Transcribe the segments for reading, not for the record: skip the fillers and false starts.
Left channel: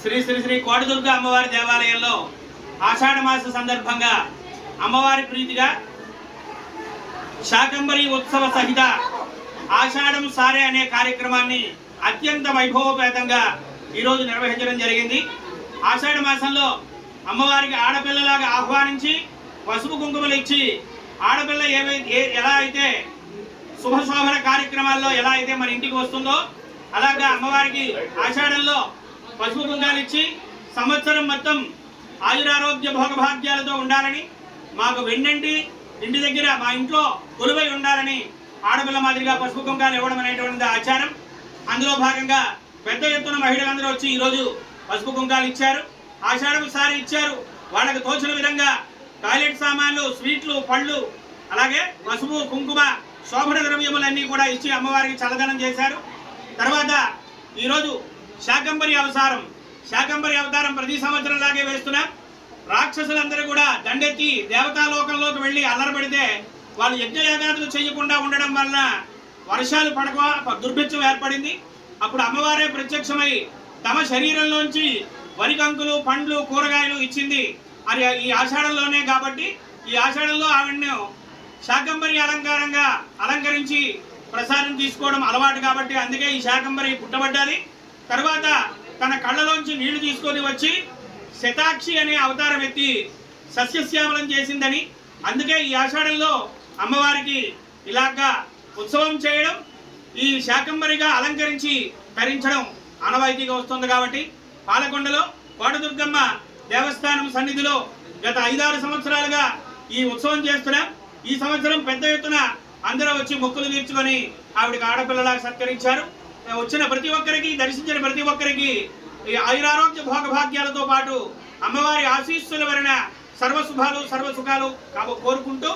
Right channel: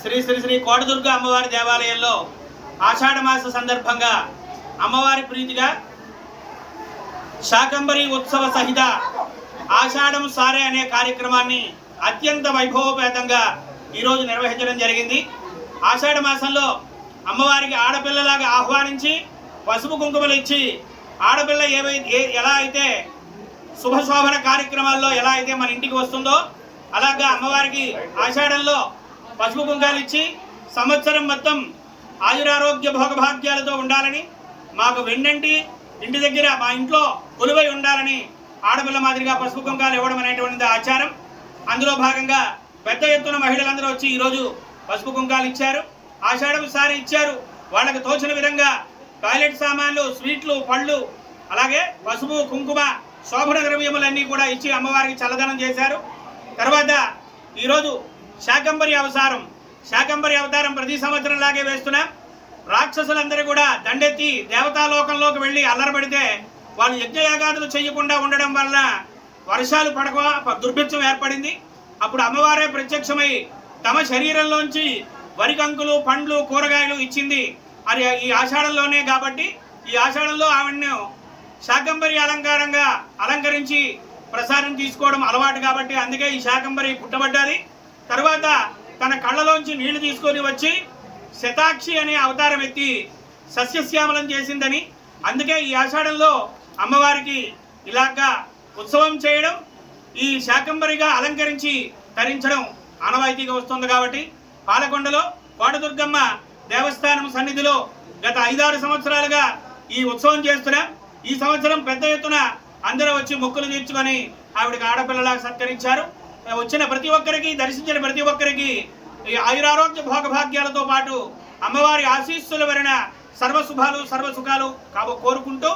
శ్రీ శ్రీ శ్రీ కోటదుర్గ అమ్మవారి దేవాలయంలో ఆషాఢ మాస సందర్భంగా అమ్మవారి ప్రీతిగా శాకంబరి ఉత్సవ సహిత ఆషాఢం సారే అనే కార్యక్రమాన్ని అత్యంత వైభవపేతంగా ఈరోజు నిర్వహించడం జరిగింది. ఆషాఢ మాసంలో అమ్మవారికి ఆడపిల్లలాగా ఆహ్వానించి పసుపు కుంకుమలు ఇచ్చి ఆడపిల్ల ఎలా అయితే శుభశోభన కార్యక్రమాల్లో ఎలా అయితే మన ఇంటికి వస్తుందో అలాగా అమ్మవారికి ఆషాఢంలో పసుపు కుంకాలు ఇచ్చి సంవత్సరం మొత్తం ఆయురారోగ్య భోగభాగ్యాలతో ఉండాలని, మాకు వెన్నంటి ఇంటి దగ్గర మా ఇంట్లో కొలువై ఉండాలని ఆడపిల్ల మాదిరిగా పసుపు కుంకాలు ఇవ్వడం అనేటువంటిది ఆచారం. అందులో భాగంగా పెద్ద ఎత్తున మహిళలందరూ వచ్చి ఈరోజు పసుపు కుంకాలు ఇచ్చారు, ఆషాఢం సారి ఇచ్చారు. వాళ్ళకి తోచిన విధంగా టాయిలెట్ సామాన్లు, స్వీట్లు, పళ్ళు, అలాగే పసుపు కుంకుమ శోభన ద్రవ్యములన్నీ కూడా ఇచ్చి అమ్మవారికి చల్లదనం చేశారు. తర్వాత ఈరోజు శాకంబరి అవతారం ప్రతి సంవత్సరం లాగే వేస్తున్నాం. రాక్షసులందరూ కూడా దండెత్తి దేవతాలోకంలోకి వెళ్ళి అల్లరబడితే వాళ్ళు యజ్ఞయాగాదులు చేయకుండా ఉండడం వలన వర్షాలు పడక దుర్భిక్షం ఏర్పడింది. అప్పుడు అమ్మవారే ప్రత్యక్షమై తమ శరీరంలోంచి వరికంకులు, పండ్లు, కూరగాయలు ఇచ్చింది. అది ఈ ఆషాఢంలోనే కాబట్టి ఈ ఆషాఢంలో ఆవిడను శాకంబరి అలంకరించి ప్రసాదం తీసుకోవడం అలవాటు కాబట్టి అందుకే ఈ శాకంబరి పుట్టబడ్డది. తర్వాత తన కళ్ళలోంచి నీళ్లు తీసుకొని వచ్చి శతాక్షి అనే అవతారం ఎత్తి సస్యశ్యామలం చేసిందని, అందుకే ఈ ఆషాఢంలో అమ్మవారికి ఇలాగా ఉత్సవం చేయడం, ఈ శాకంబరిగా అలంకరించి ధరించడం ఆనవాయితీగా వస్తుంది. కాబట్టి పాలకొండలో కోటదుర్గమ్మ దేవస్థానం సన్నిధిలో గత 5-6 సంవత్సరాలుగా ఈ ఉత్సవం చేస్తున్నాం. ఈ సంవత్సరం పెద్ద ఎత్తున అందరూ వచ్చి మొక్కులు తీర్చుకొని ఆవిడకి ఆడపిల్లలాగా సత్కరించారు. వచ్చిన ప్రతి ఒక్కరికి, దర్శించిన ప్రతి ఒక్కరికి ఆయురారోగ్య భోగభాగ్యాలతో పాటు అమ్మవారి ఆశీస్సుల వలన సర్వశుభాలు సర్వసుఖాలు కోరుకుంటూ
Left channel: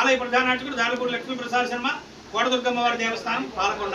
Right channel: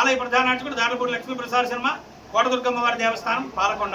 ఆలయ ప్రధానార్చకుడు దార్లపూడి లక్ష్మీ ప్రసాద్ శర్మ, కోటదుర్గమ్మవారి దేవస్థానం, పాలకొండ.